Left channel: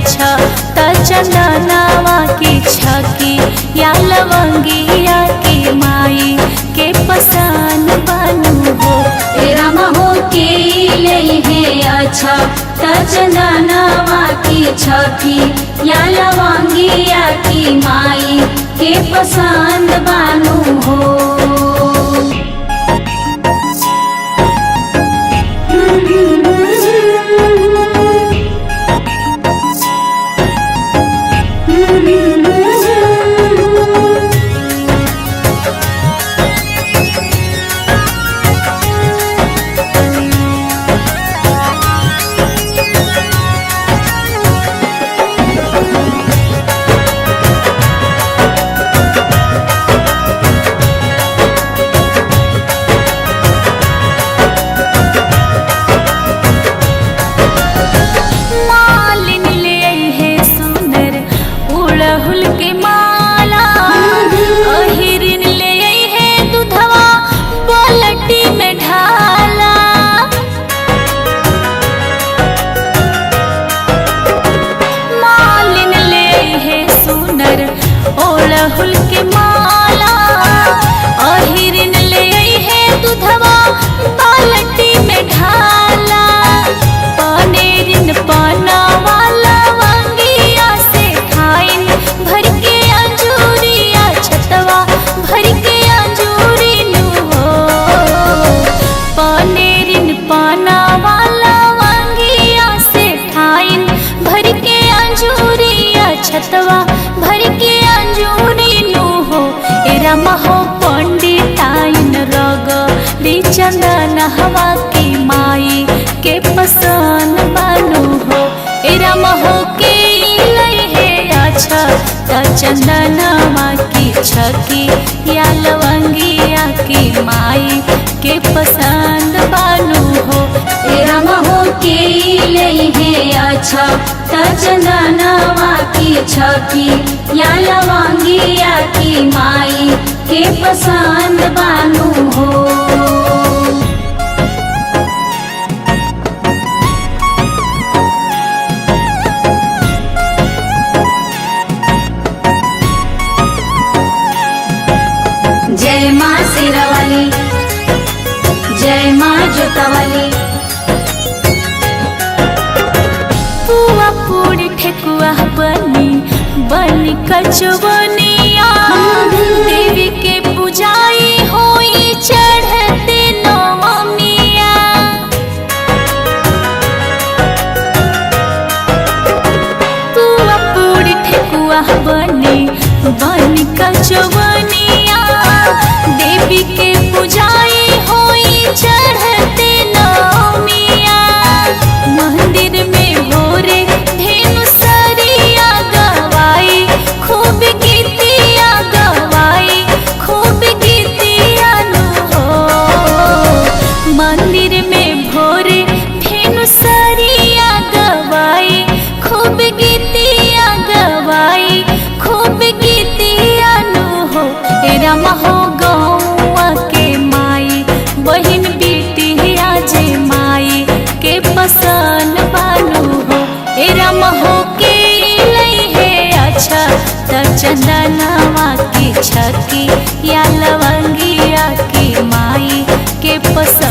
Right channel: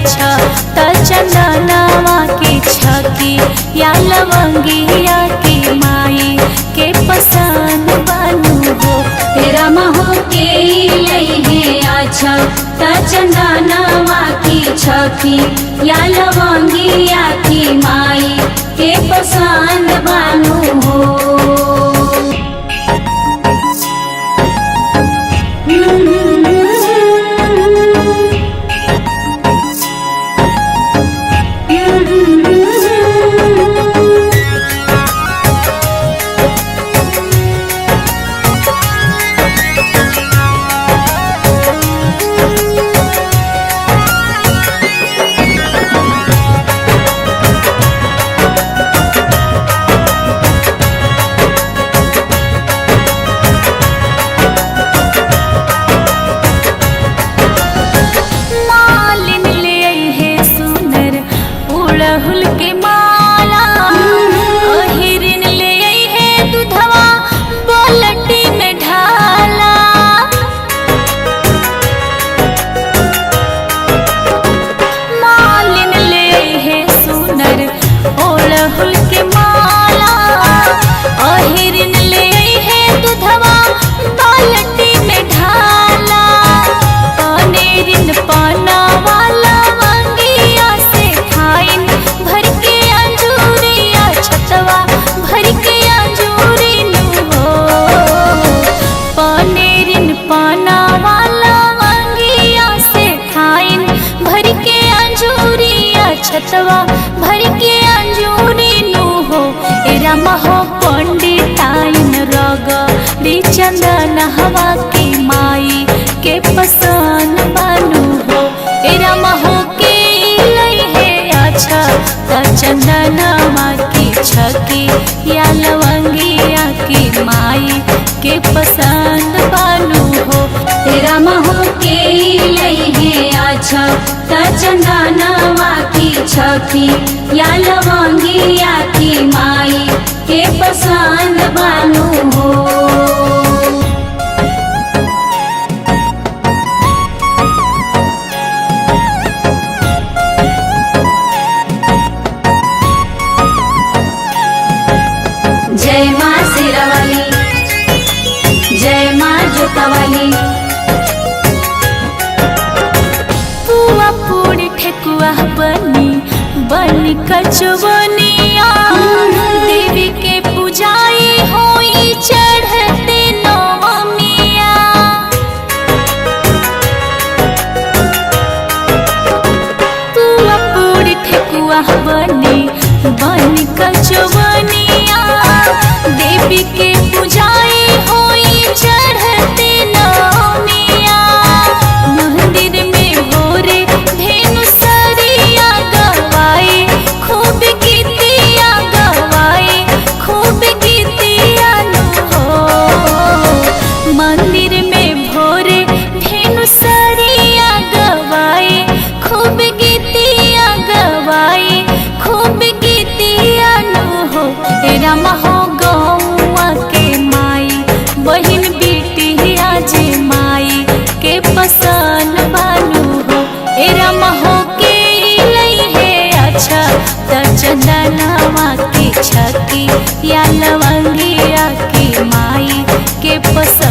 अच्छा त चंदनवा की छकी या लवंगिया की माई के पसंद बनू हो। रामा हो के लइहे अच्छा त चंदनवा की छकी या लवंगिया की माई के पसंद बनू हो। अड़हुल के माला अहिरिन ले आई है दूधवा बाल्टी में ढाला। मालिन ले आई है सुनर अड़हुल के माला अहिरिन ले आई है दूधवा बाल्टी में ढाला। पनेरिन पाना वाला वंगिया से ठाइन भर के अंजूरिया छतवा भर के अंजूरी नु हो। पनेरिन पाना वाला वंगिया से ठाइन भर के अंजूरिया छतवा भर के अंजूरी नु हो। रामा हो पंडिताइन रगड़ी चंदन हवा की माई के पसंद बनू हो। रामा हो के लइहे अच्छा त चंदनवा की छकी या लवंगिया की माई के पसंद बनू हो। रामा हो के लइहे अच्छा त चंदनवा की छकी या लवंगिया की माई के पसंद बनू हो। पूरी ठेकुआ बनी कचवनिया देवी के पूजाई होई चढ़ते नवमिया। पुआ पूरी ठेकुआ बनी कचवनिया देवी के पूजाई होई चढ़ते नवमिया। मंदिर में भोरे धेनु सरिया गवाई खूब गीतिया गवाई खूब गीतिया नु हो। मंदिर में भोरे धेनु सरिया गवाई खूब गीतिया गवाई खूब गीतिया नु हो। रामा हो गौआ के माई बहिन बेटिया जे माई के पसंद बनू हो। रामा हो के लइहे अच्छा त चंदनवा की छकी या लवंगिया की माई के पसंद